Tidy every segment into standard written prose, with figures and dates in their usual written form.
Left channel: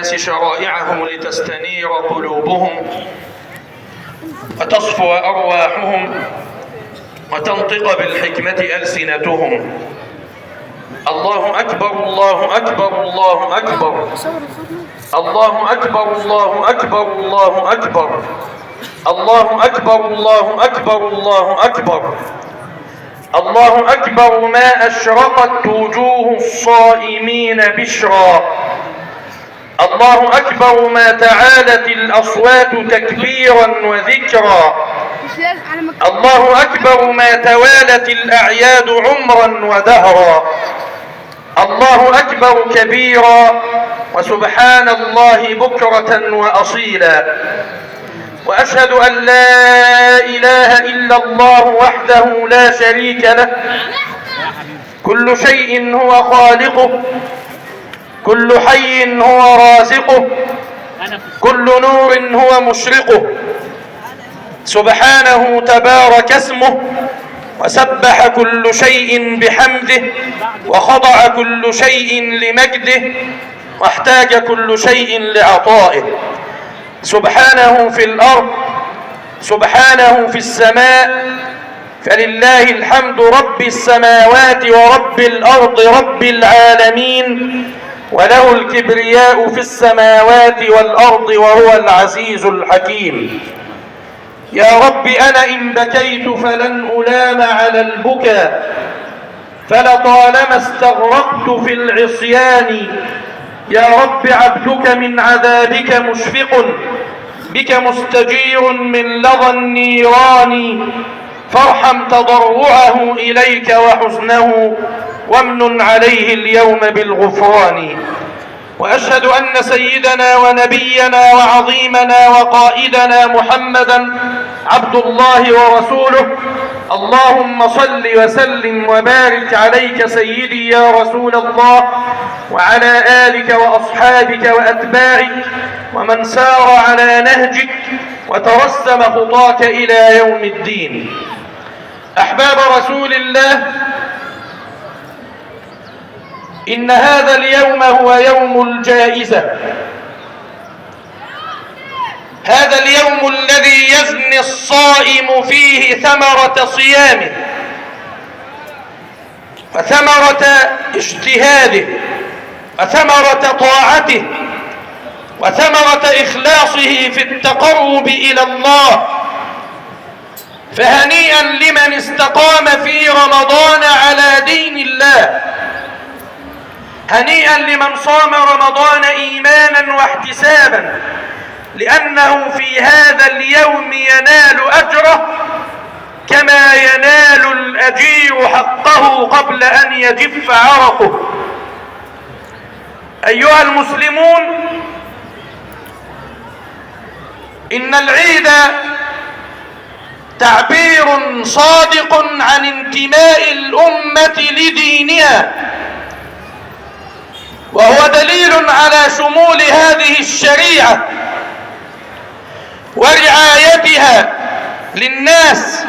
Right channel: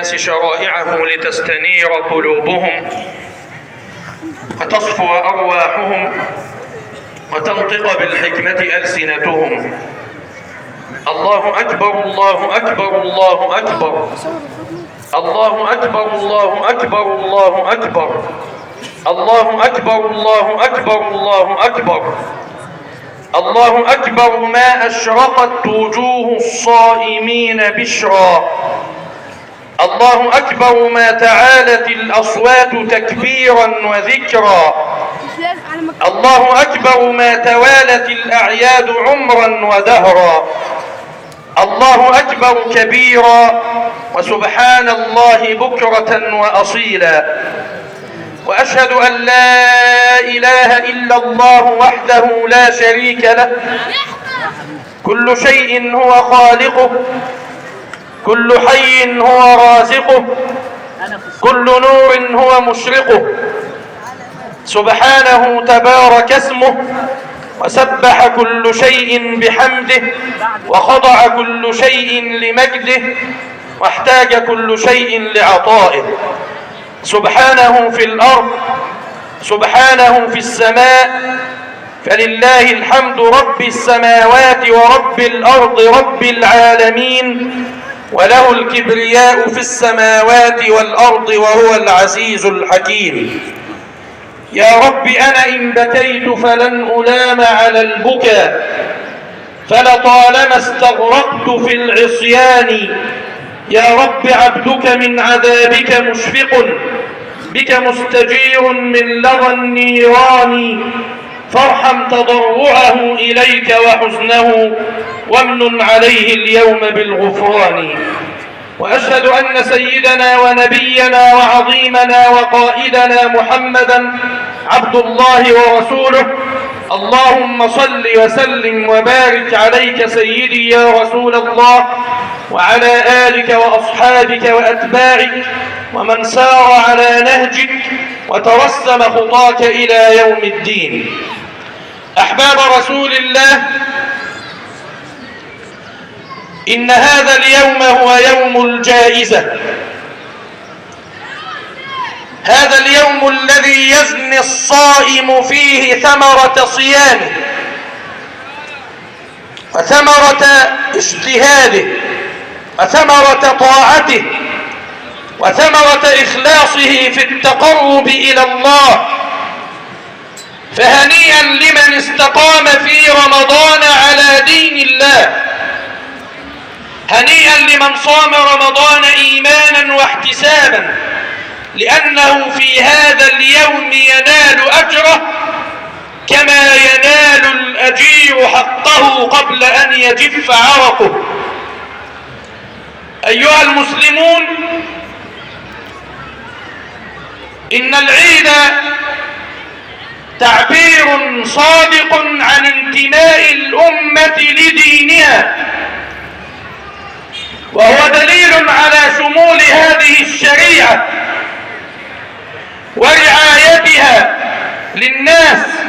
الناس شرائعه لتستنير قلوبهم وتصفو أرواحهم وتنطق بالحكمة ألسنتهم. الله أكبر الله أكبر الله أكبر الله أكبر الله أكبر الله أكبر الله أكبر الله أكبر الله أكبر الله أكبر. ما أشرقت وجوه الصائمين بشرا. الله أكبر. ما تعالت الأصوات تكبيرا وذكرا. الله أكبر. ما توالت الأعياد عمرا ودهرا. الله أكبر كبيرا وسبحان الله بكرة وأصيلا. وأشهد أن لا إله إلا الله وحده لا شريك له. كل شيء هو خالقه، كل حي هو رازقه، كل نور هو مشرقه. سبحانه تبارك اسمه، وسبح كل شيء بحمده، وخضع كل شيء لمجده، واحتاج كل شيء لعطائه. سبحانه في الأرض، سبحانه في السماء، فلله الحمد رب السماوات ورب الأرض رب العالمين، وله الكبرياء في السماوات والأرض وهو العزيز الحكيم. يا رب أنا إن بكيت فلن ألام على البكاء، فلطالما استغرقت في العصيان. يا رب عبدك من عذابك مشفق، بك مستجير من لظى النيران. فارحم تضرعه إليك وحزنه، وامن عليه اليوم بالغفران. وأشهد أن سيدنا ونبينا وعظيمنا وقائدنا محمدا عبد الله ورسوله. اللهم صل وسلم وبارك عليك سيدي يا رسول الله، وعلى آلك وأصحابك وأتباعك ومن سار على نهجك وترسم خطاك إلى يوم الدين. أحباب رسول الله، إن هذا اليوم هو يوم الجائزة. هذا اليوم الذي يزني الصائم فيه ثمرة صيامه وثمرة اجتهاده وثمرة طاعته وثمرة إخلاصه في التقرب إلى الله. فهنيئا لمن استقام في رمضان على دين الله، هنيئا لمن صام رمضان إيمانا واحتسابا، لأنه في هذا اليوم ينال أجره كما ينال الأجير حقه قبل أن يجف عرقه. أيها المسلمون، إن العيد تعبير صادق عن انتماء الأمة لدينها، وهو دليل على شمول هذه الشريعة ورعايتها للناس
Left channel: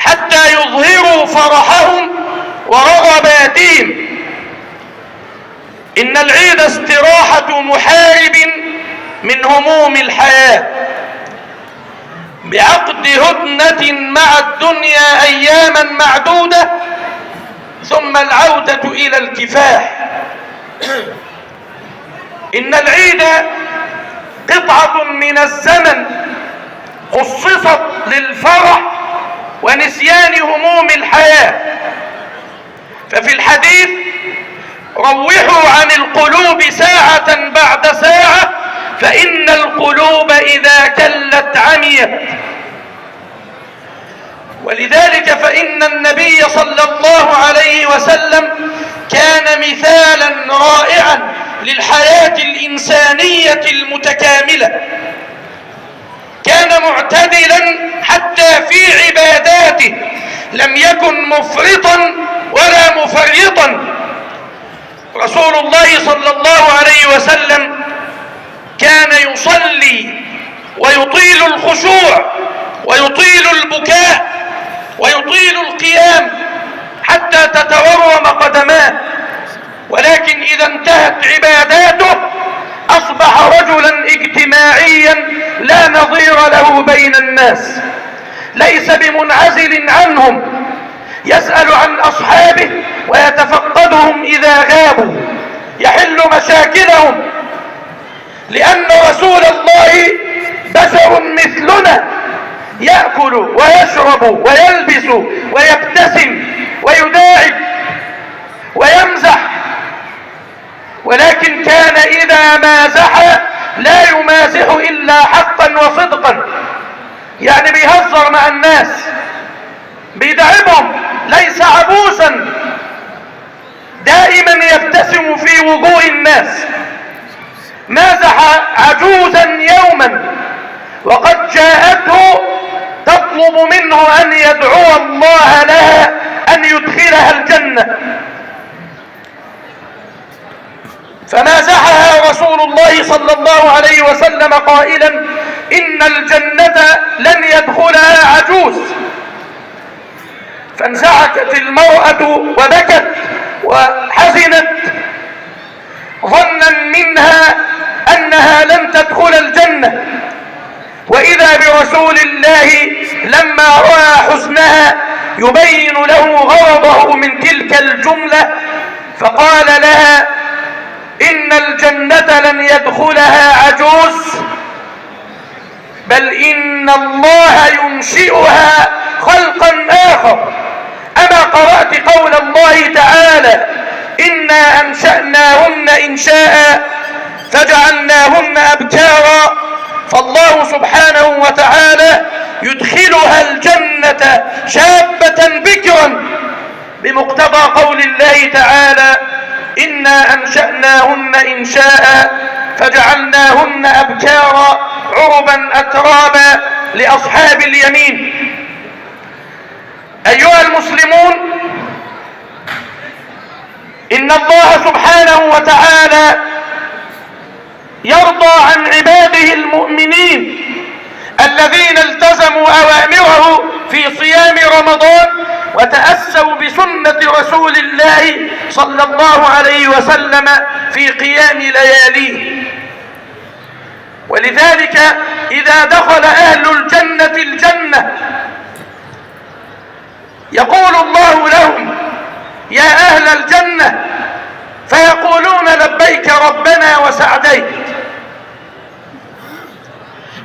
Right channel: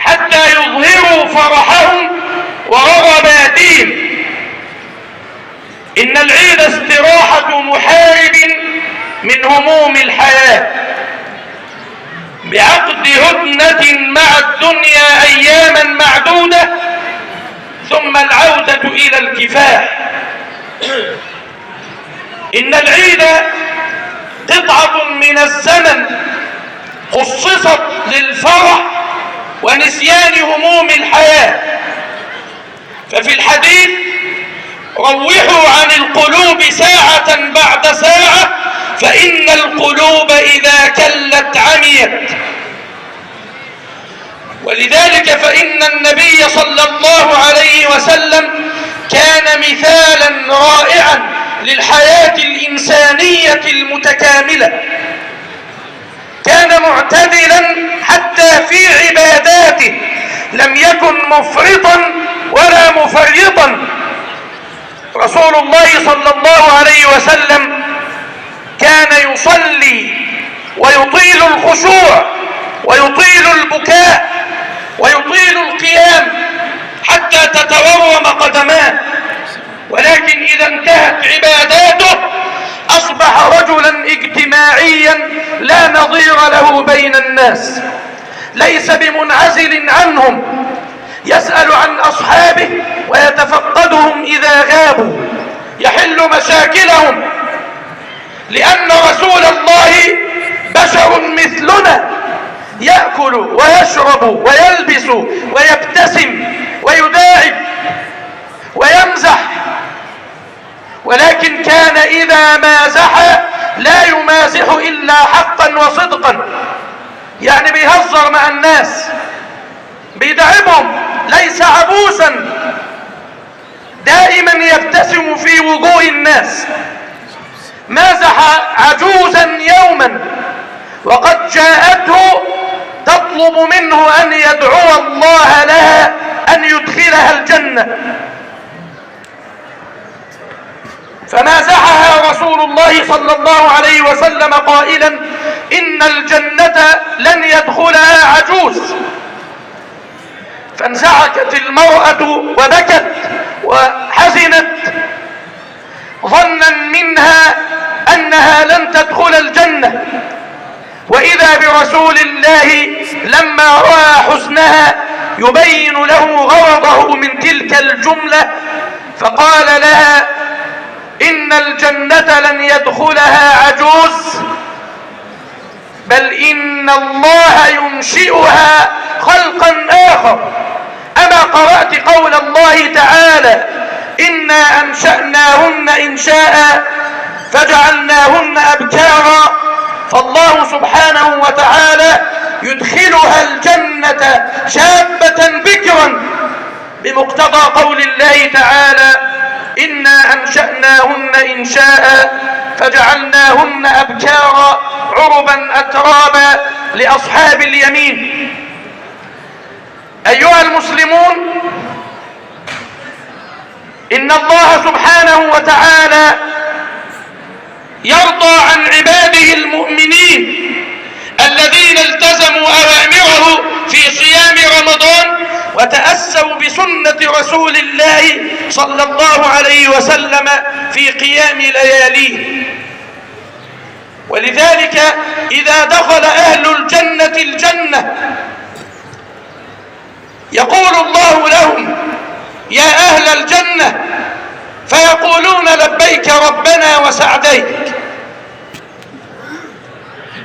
حتى يظهروا فرحهم ورغباتهم. إن العيد استراحة محارب من هموم الحياة بعقد هدنة مع الدنيا أياما معدودة، ثم العودة إلى الكفاح. إن العيد قطعة من الزمن خصصت للفرح ونسيان هموم الحياة. ففي الحديث: روحوا عن القلوب ساعة بعد ساعة، فإن القلوب إذا كلت عميت. ولذلك فإن النبي صلى الله عليه وسلم كان مثالا رائعا للحياة الإنسانية المتكاملة. كان معتدلا حتى في عباداته، لم يكن مفرطا ولا مفرطا. رسول الله صلى الله عليه وسلم كان يصلي ويطيل الخشوع ويطيل البكاء ويطيل القيام حتى تتورم قدماه، ولكن إذا انتهت عباداته بين الناس، ليس بمنعزل عنهم، يسأل عن أصحابه ويتفقدهم إذا غابوا، يحل مشاكلهم، لأن رسول الله بشر مثلنا، يأكل ويشرب ويلبس ويبتسم ويداعب ويمزح، ولكن كان إذا مازح لا يمازح إلا حقا وصدقا، يعني بيهزر مع الناس، بيدعبهم، ليس عبوسا، دائما يبتسم في وجوه الناس. مازح عجوزا يوما وقد جاءته تطلب منه أن يدعو الله لها أن يدخلها الجنة، فمازحها رسول الله صلى الله عليه وسلم قائلا: إن الجنة لن يدخلها عجوز. فانزعجت المرأة وبكت وحزنت ظنا منها أنها لن تدخل الجنة، وإذا برسول الله لما رأى حزنها يبين له غرضه من تلك الجملة، فقال لها: إن الجنة لن يدخلها عجوز، بل إن الله ينشئها خلقا آخر. أما قرأت قول الله تعالى: إنا أنشأناهن إنشاء فجعلناهن أبكارا؟ فالله سبحانه وتعالى يدخلها الجنة شابة بكرا بمقتضى قول الله تعالى: إنا أنشأناهن إنشاء فجعلناهن أبكارا عربا أترابا لأصحاب اليمين. أيها المسلمون، إن الله سبحانه وتعالى يرضى عن عباده المؤمنين الذين التزموا أوامره في صيام رمضان وتأسوا بسنة رسول الله صلى الله عليه وسلم في قيام لياليه. ولذلك إذا دخل أهل الجنة الجنة يقول الله لهم: يا أهل الجنة، فيقولون: لبيك ربنا وسعديك.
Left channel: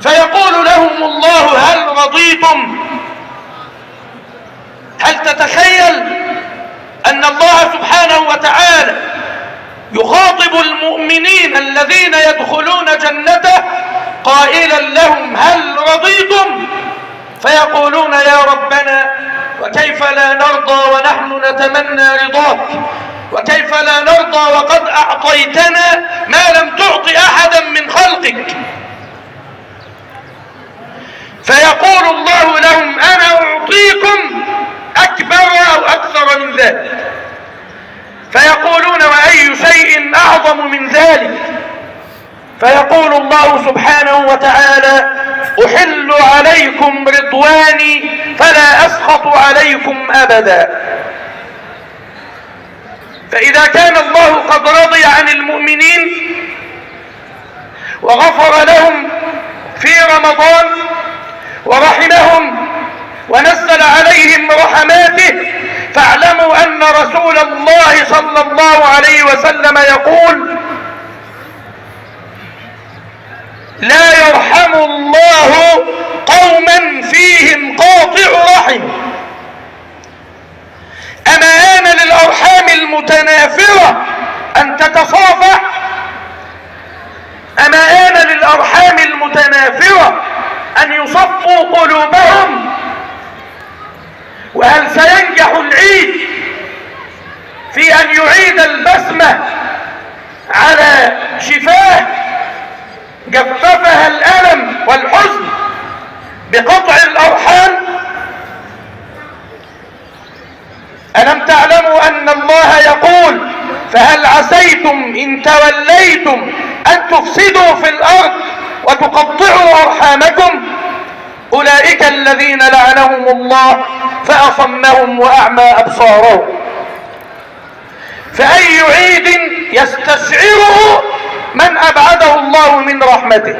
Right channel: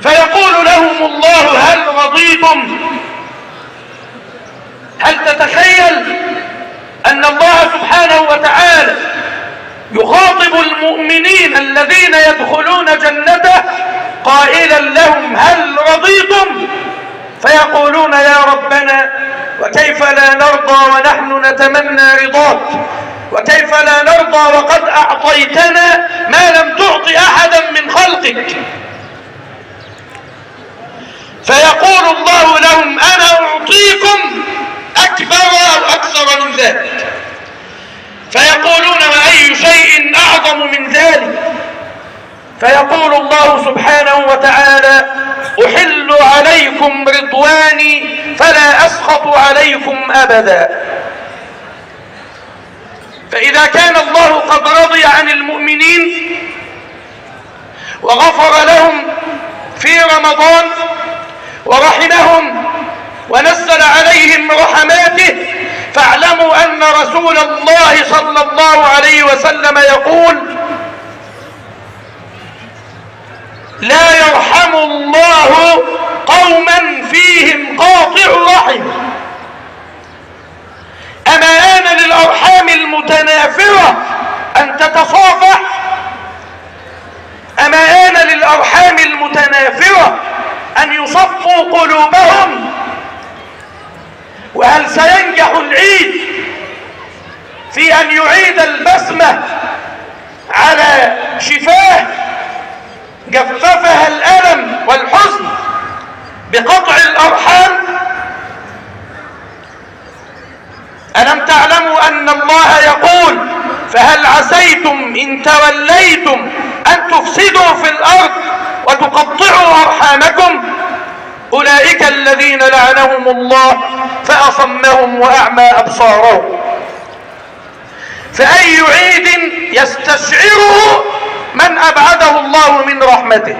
فيقول لهم الله: هل رضيتم؟ هل تتخيل أن الله سبحانه وتعالى يخاطب المؤمنين الذين يدخلون جنته قائلا لهم: هل رضيتم؟ فيقولون: يا ربنا، وكيف لا نرضى ونحن نتمنى رضاك، وكيف لا نرضى وقد أعطيتنا ما لم تعط أحدا من خلقك. فيقول الله لهم: أنا أعطيكم أكبر أو أكثر من ذلك. فيقولون: وأي شيء أعظم من ذلك؟ فيقول الله سبحانه وتعالى: أحل عليكم رضواني فلا أسخط عليكم أبدا. فإذا كان الله قد رضي عن المؤمنين وغفر لهم في رمضان ورحمهم ونزل عليهم رحماته، فاعلموا أن رسول الله صلى الله عليه وسلم يقول: لا يرحم الله قوما فيهم قاطع رحم. أما آن للأرحام المتنافرة أن تتصافح؟ أما آن للأرحام المتنافرة أن يصفوا قلوبهم؟ وهل سينجح العيد في أن يعيد البسمة على شفاه جففها الألم والحزن بقطع الأرحام؟ ألم تعلموا أن الله يقول: فهل عسيتم إن توليتم أن تفسدوا في الأرض وتقطعوا أرحامكم؟ أولئك الذين لعنهم الله فأصمهم وأعمى أبصارهم. فأي عيد يستشعره من أبعده الله من رحمته؟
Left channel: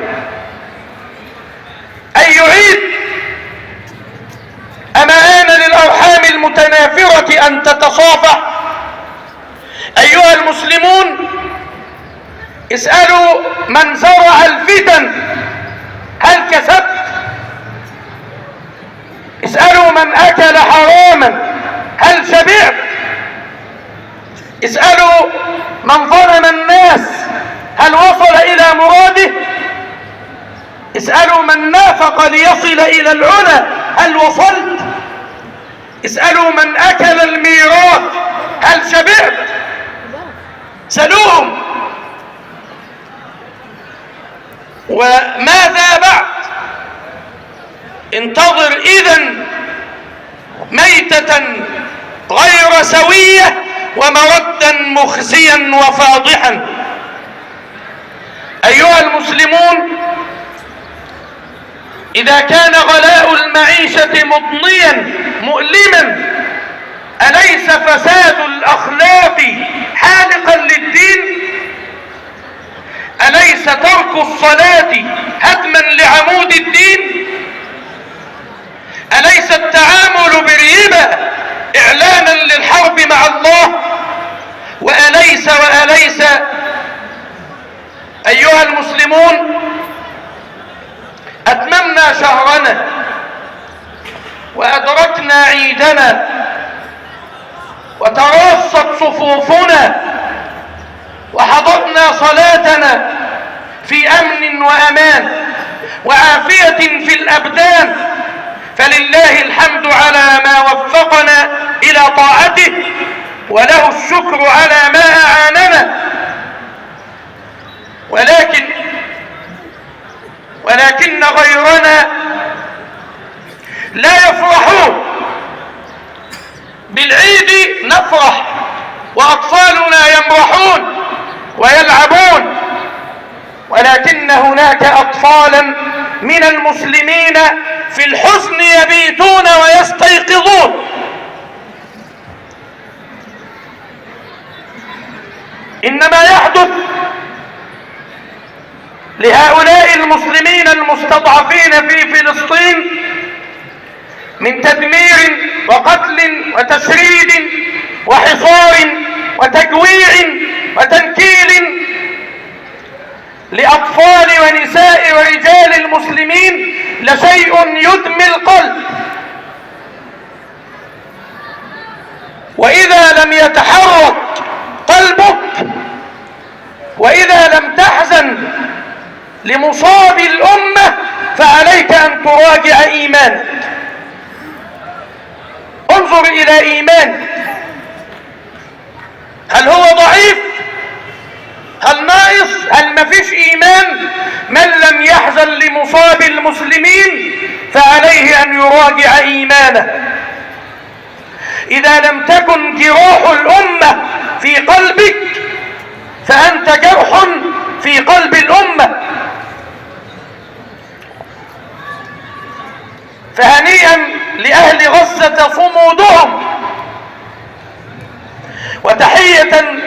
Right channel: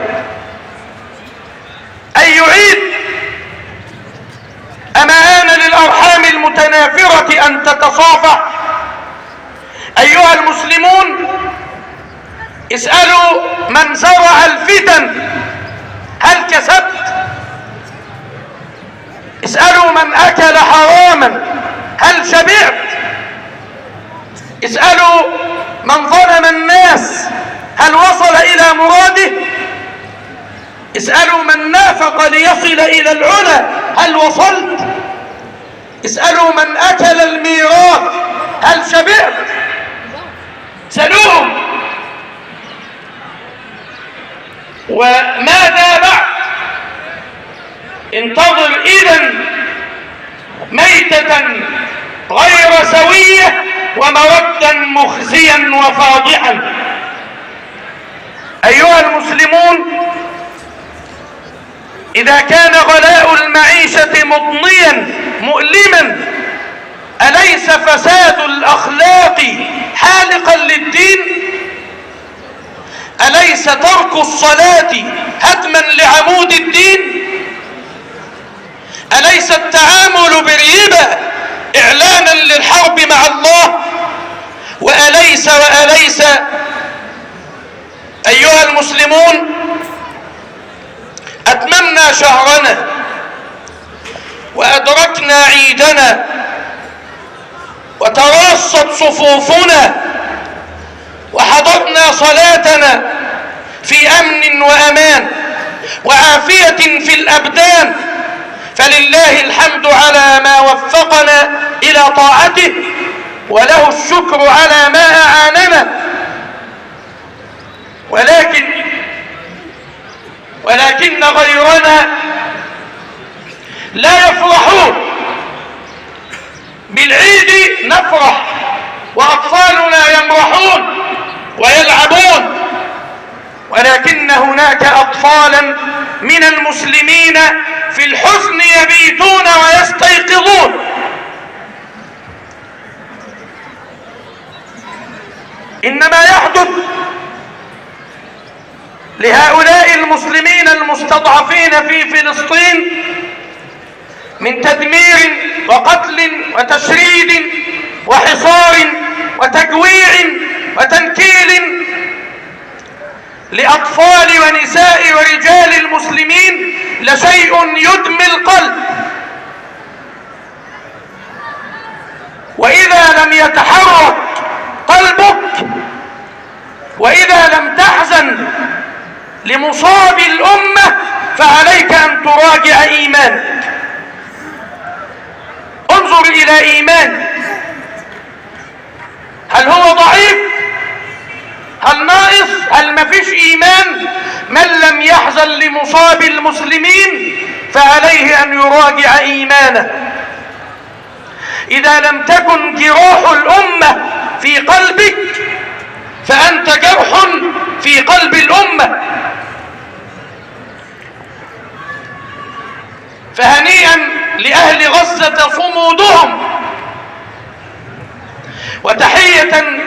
أي يعيد. أما آن للأرحام المتنافرة أن تتصافح؟ أيها المسلمون، اسألوا من زرع الفتن هل كسبت؟ اسألوا من أكل حراما هل شبعت؟ اسألوا من ظلم الناس هل وصل إلى مراده؟ اسألوا من نافق ليصل إلى العلا هل وصلت؟ اسألوا من أكل الميراث هل شبعت؟ سلوهم. وماذا بعد؟ انتظر إذن ميتة غير سوية ومردا مخزيا وفاضحا. أيها المسلمون، إذا كان غلاء المعيشة مضنيا مؤلما، أليس فساد الأخلاق حالقا للدين؟ أليس ترك الصلاة هدما لعمود الدين؟ أليس التعامل بالربا إعلانا للحرب مع الله؟ وأليس أيها المسلمون، أتممنا شهرنا وأدركنا عيدنا وتراصت صفوفنا وحضرنا صلاتنا في أمن وأمان وعافية في الأبدان، فلله الحمد على ما وفقنا إلى طاعته، وله الشكر على ما أعاننا. ولكن غيرنا لا يفرحون بالعيد. نفرح وأطفالنا يمرحون ويلعبون، ولكن هناك أطفالا من المسلمين في الحزن يبيتون ويستيقظون. إنما يحدث لهؤلاء المسلمين المستضعفين في فلسطين من تدمير وقتل وتشريد وحصار وتجويع وتنكيل لأطفال ونساء ورجال المسلمين لشيء يدمي القلب. وإذا لم يتحرك قلبك، وإذا لم تحزن لمصاب الأمة، فعليك أن تراجع إيمانك. انظر إلى إيمانك، هل هو ضعيف؟ هل ناقص؟ هل مفيش إيمان؟ من لم يحزن لمصاب المسلمين فعليه أن يراجع إيمانه. إذا لم تكن جراح الأمة في قلبك فأنت جرح في قلب الأمة. فهنيئا لأهل غزة صمودهم، وتحية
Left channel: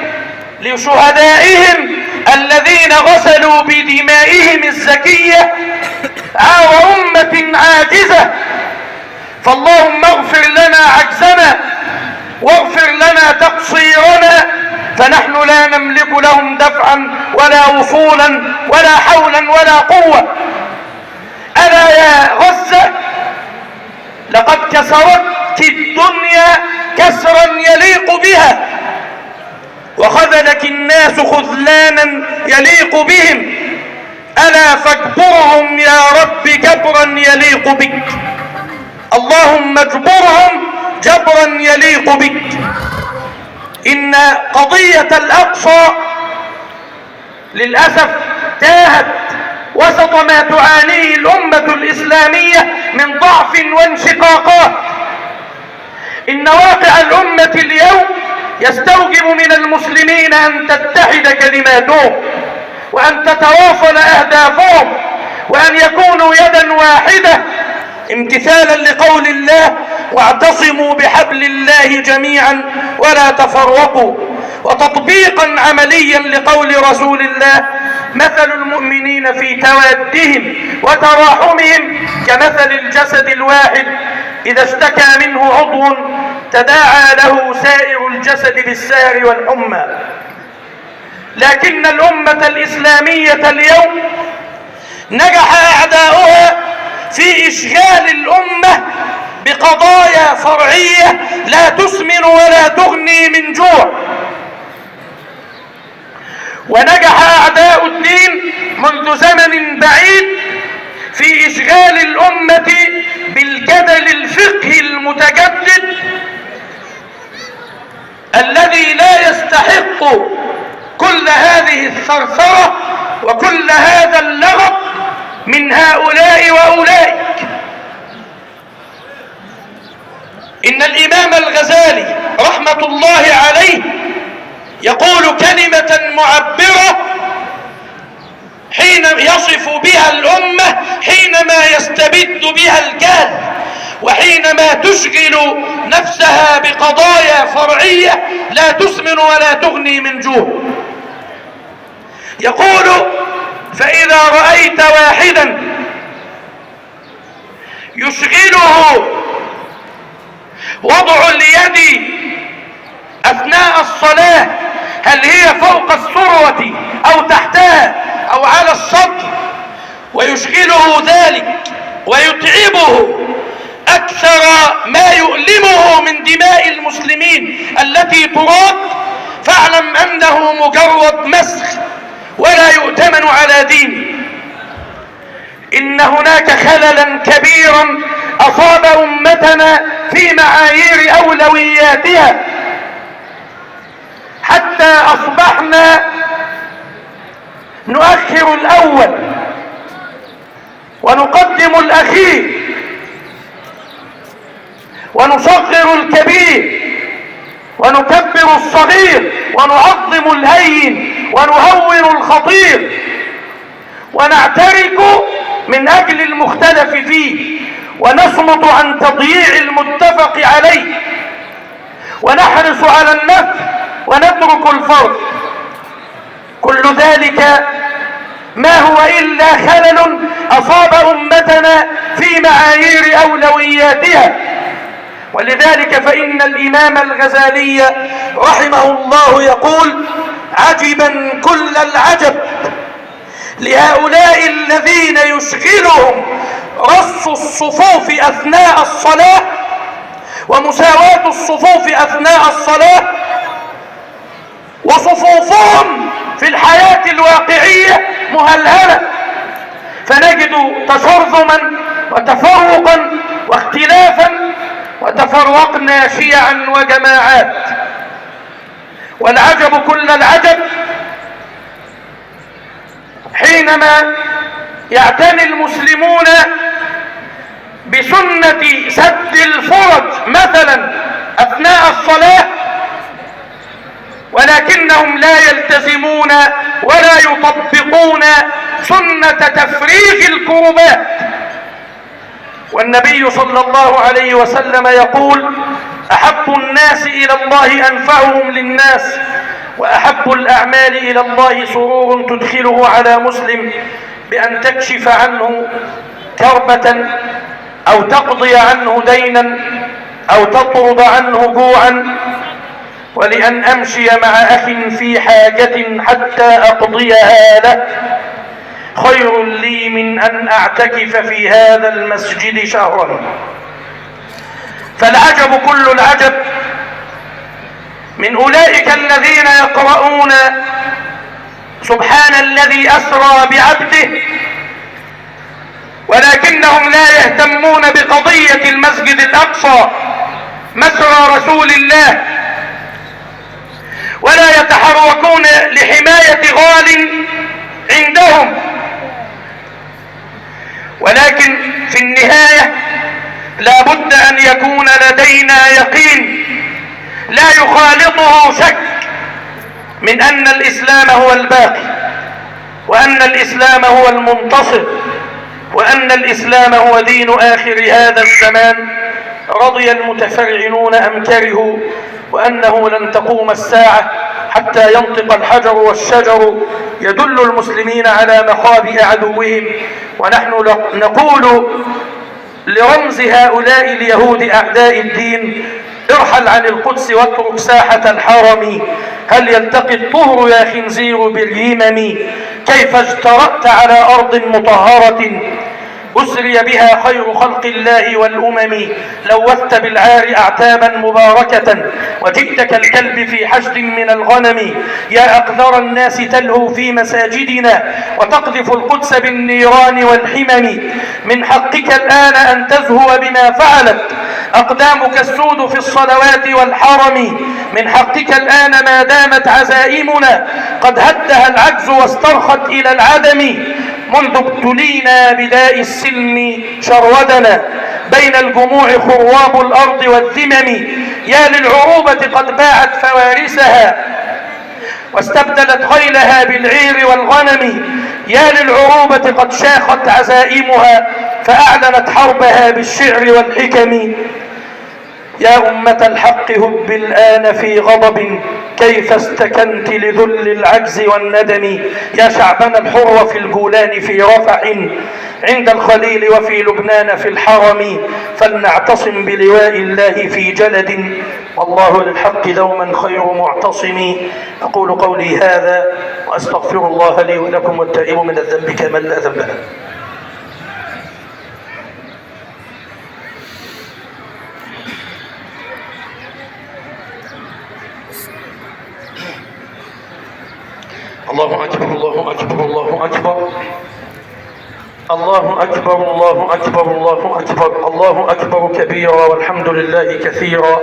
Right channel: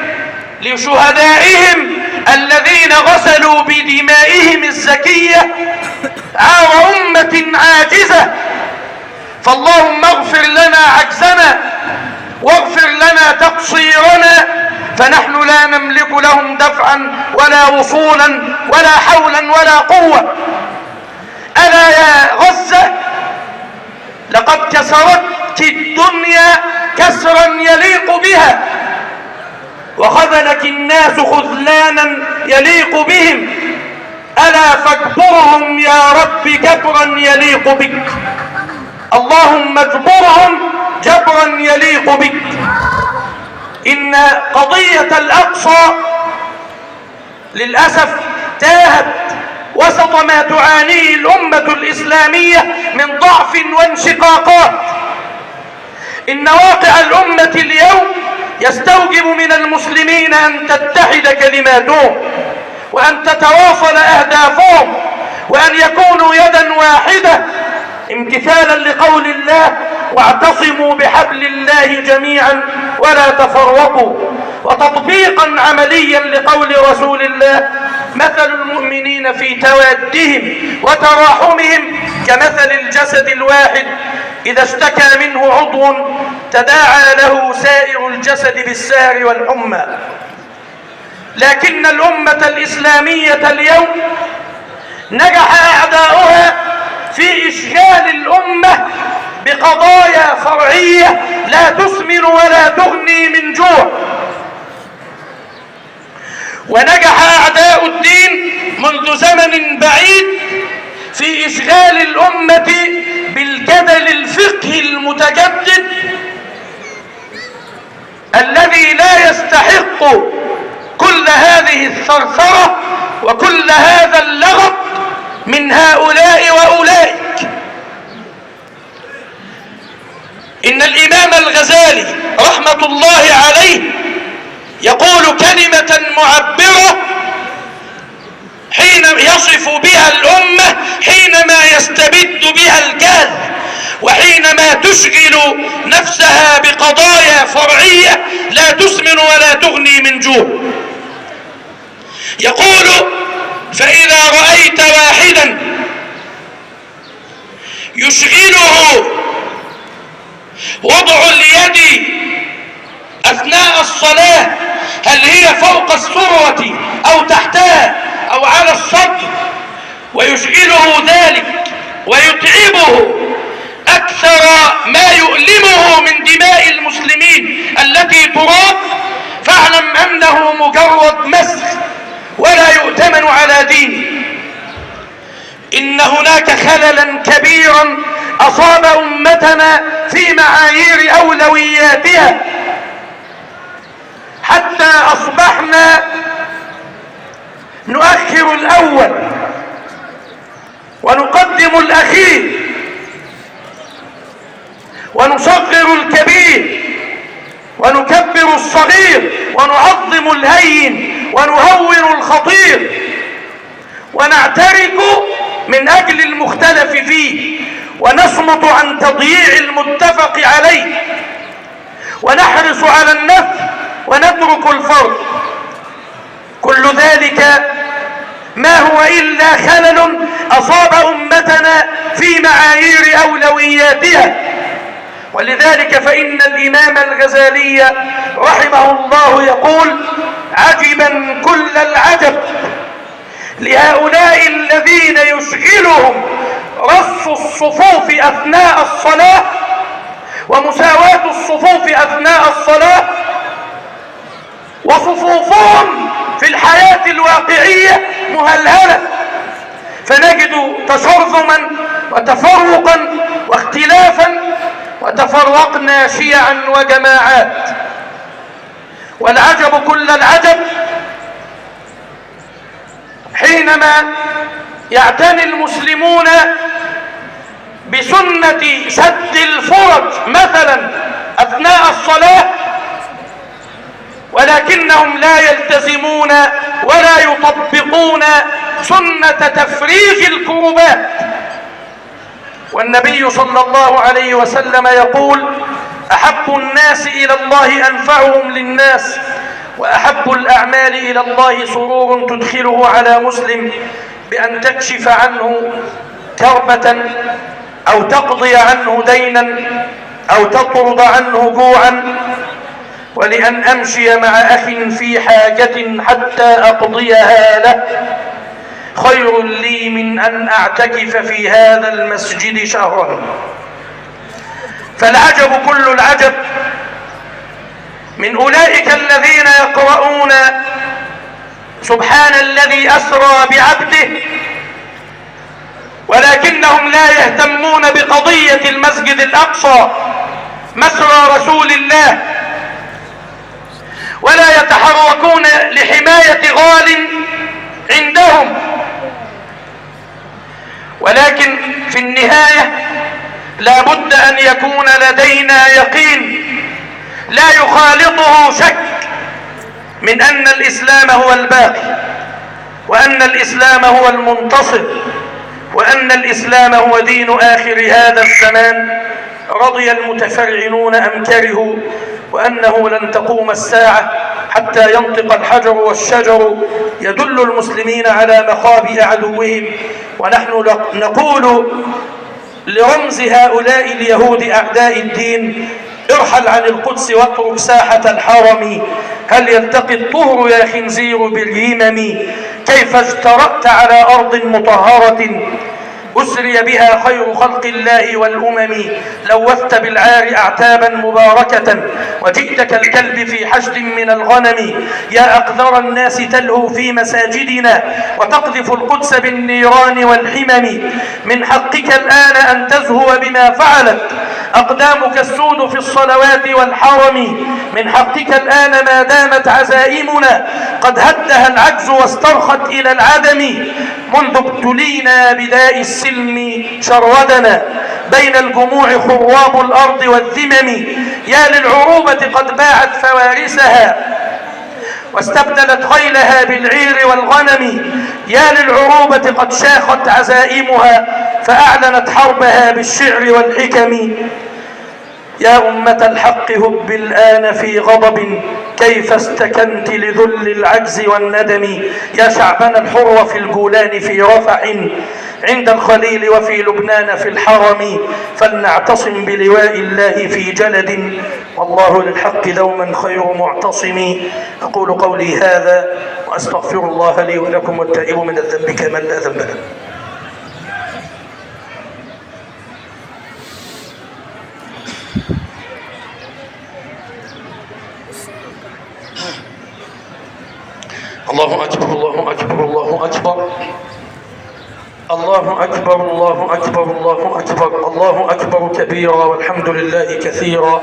لشهدائهم الذين غسلوا بدمائهم الزكية عار أمة عاجزة. فاللهم اغفر لنا عجزنا واغفر لنا تقصيرنا، فنحن لا نملك لهم دفعا ولا وصولا ولا حولا ولا قوة. ألا يا غزة، لقد كسرتك الدنيا كسرا يليق بها، وخذلك الناس خذلانا يليق بهم. ألا فاجبرهم يا رب جبرا يليق بك. اللهم اجبرهم جبرا يليق بك. إن قضية الأقصى للأسف تاهت وسط ما تعانيه الأمة الإسلامية من ضعف وانشقاقات. إن واقع الأمة اليوم يستوجب من المسلمين أن تتحد كلماتهم، وأن تتواصل أهدافهم، وأن يكونوا يدا واحدة، امتثالا لقول الله: واعتصموا بحبل الله جميعا ولا تفرقوا، وتطبيقا عمليا لقول رسول الله: مثل المؤمنين في توادهم وتراحمهم كمثل الجسد الواحد إذا اشتكى منه عضو تداعى له سائر الجسد بالسهر والحمى. لكن الأمة الإسلامية اليوم نجح أعداؤها في إشغال الأمة بقضايا فرعية لا تسمن ولا تغني من جوع. ونجح أعداء الدين منذ زمن بعيد في إشغال الأمة بالجدل الفقهي المتجدد الذي لا يستحق كل هذه الثرثرة وكل هذا اللغط من هؤلاء وأولئك. إن الإمام الغزالي رحمة الله عليه يقول كلمة معبرة حين يصف بها الأمة حينما يستبد بها الجهل وحينما تشغل نفسها بقضايا فرعية لا تسمن ولا تغني من جوع. يقول: فإذا رأيت واحدا يشغله وضع اليد أثناء الصلاة، هل هي فوق السرة أو تحتها أو على الصدر، ويشغله ذلك ويتعبه أكثر ما يؤلمه من دماء المسلمين التي تراق، فاعلم أنه مجرد مسخ ولا يؤتمن على دينه. إن هناك خللا كبيرا أصاب أمتنا في معايير أولوياتها، حتى أصبحنا نؤخر الأول ونقدم الأخير ونصغر الكبير ونكبر الصغير ونعظم الهين ونهون الخطير، ونعترك من أجل المختلف فيه، ونصمت عن تضييع المتفق عليه، ونحرص على النفع ونترك الفرق. كل ذلك ما هو إلا خلل أصاب أمتنا في معايير أولوياتها. ولذلك فإن الإمام الغزالي رحمه الله يقول: عجبا كل العجب لهؤلاء الذين يشغلهم رص الصفوف أثناء الصلاة ومساواة الصفوف أثناء الصلاة، وصفوفهم في الحياة الواقعية مهلهلة، فنجد تشرذما وتفرقا واختلافا، وتفرقنا شيعا وجماعات. والعجب كل العجب حينما يعتني المسلمون بسنة سد الفرج مثلا أثناء الصلاة، ولكنهم لا يلتزمون ولا يطبقون سنة تفريج الكربات. والنبي صلى الله عليه وسلم يقول: أحب الناس إلى الله أنفعهم للناس، وأحب الأعمال إلى الله سرور تدخله على مسلم بأن تكشف عنه كربة أو تقضي عنه دينا أو تطرد عنه جوعا، ولأن أمشي مع أخ في حاجة حتى أقضيها له خير لي من أن أعتكف في هذا المسجد شهرا. فالعجب كل العجب من أولئك الذين يقرؤون سبحان الذي أسرى بعبده، ولكنهم لا يهتمون بقضية المسجد الأقصى مسرى رسول الله، ولا يتحركون لحماية غال عندهم. ولكن في النهاية لا بد أن يكون لدينا يقين لا يخالطه شك من أن الإسلام هو الباقي، وأن الإسلام هو المنتصر، وأن الإسلام هو دين آخر هذا الزمان، رضي المتفرعنون أم كرهوا، وأنه لن تقوم الساعة حتى ينطق الحجر والشجر يدل المسلمين على مخابئ عدوهم. ونحن نقول لرمز هؤلاء اليهود أعداء الدين: ارحل عن القدس واترك ساحة الحرم، هل يلتقي الطهر يا خنزير باليمم؟ كيف اجترأت على أرض مطهرة أسري بها خير خلق الله والأمم؟ لوثت بالعار أعتابا مباركة وجئت كالكلب في حشد من الغنم. يا أقذر الناس تلهو في مساجدنا وتقذف القدس بالنيران والحمم. من حقك الآن أن تزهو بما فعلت أقدامك السود في الصلوات والحرم. من حقك الآن ما دامت عزائمنا قد هدها العجز واسترخت إلى العدم. منذ ابتلينا بداء السلم شرودنا بين الجموع خراب الأرض والذمم. يا للعروبة قد باعت فوارسها واستبدلت خيلها بالعير والغنم. يا للعروبة قد شاخت عزائمها فأعلنت حربها بالشعر والحكم. يا أمة الحق هب الآن في غضب كيف استكنت لذل العجز والندم. يا شعبنا الحر في الجولان في رفح عند الخليل وفي لبنان في الحرم. فلنعتصم بلواء الله في جلد والله للحق دوما خير معتصم. أقول قولي هذا وأستغفر الله لي ولكم والتائب من الذنب كمن لا ذنب له. الله أكبر الله أكبر الله أكبر الله أكبر الله أكبر الله أكبر الله أكبر كبيرا والحمد لله كثيرا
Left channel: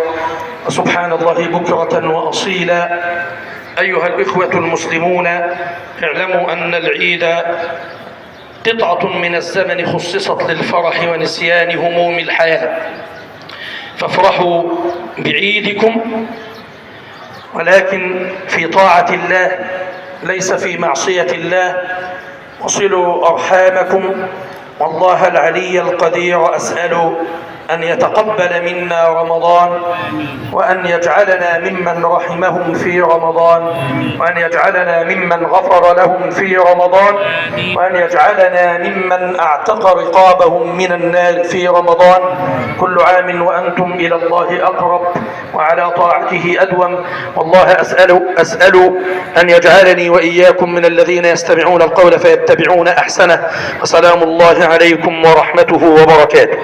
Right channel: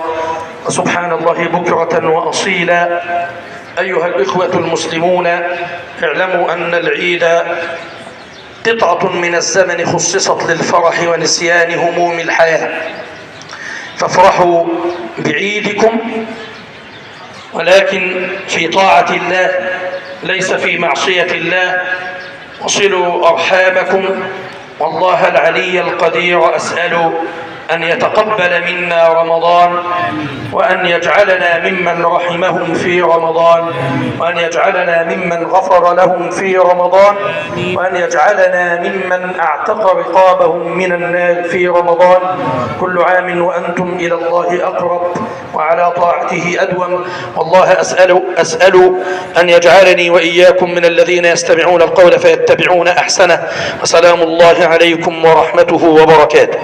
وسبحان الله بكرة وأصيلا. أيها الإخوة المسلمون، اعلموا أن العيد قطعة من الزمن خصصت للفرح ونسيان هموم الحياة، فافرحوا بعيدكم ولكن في طاعة الله ليس في معصية الله. وصلوا أرحامكم، والله العلي القدير أسأل أن يتقبل منا رمضان وأن يجعلنا ممن رحمهم في رمضان وأن يجعلنا ممن غفر لهم في رمضان وأن يجعلنا ممن اعتق رقابهم من النار في رمضان. كل عام وأنتم إلى الله أقرب وعلى طاعته أدوم. والله أسأل أن يجعلني وإياكم من الذين يستمعون القول فيتبعون أحسنه. وسلام الله عليكم ورحمته وبركاته.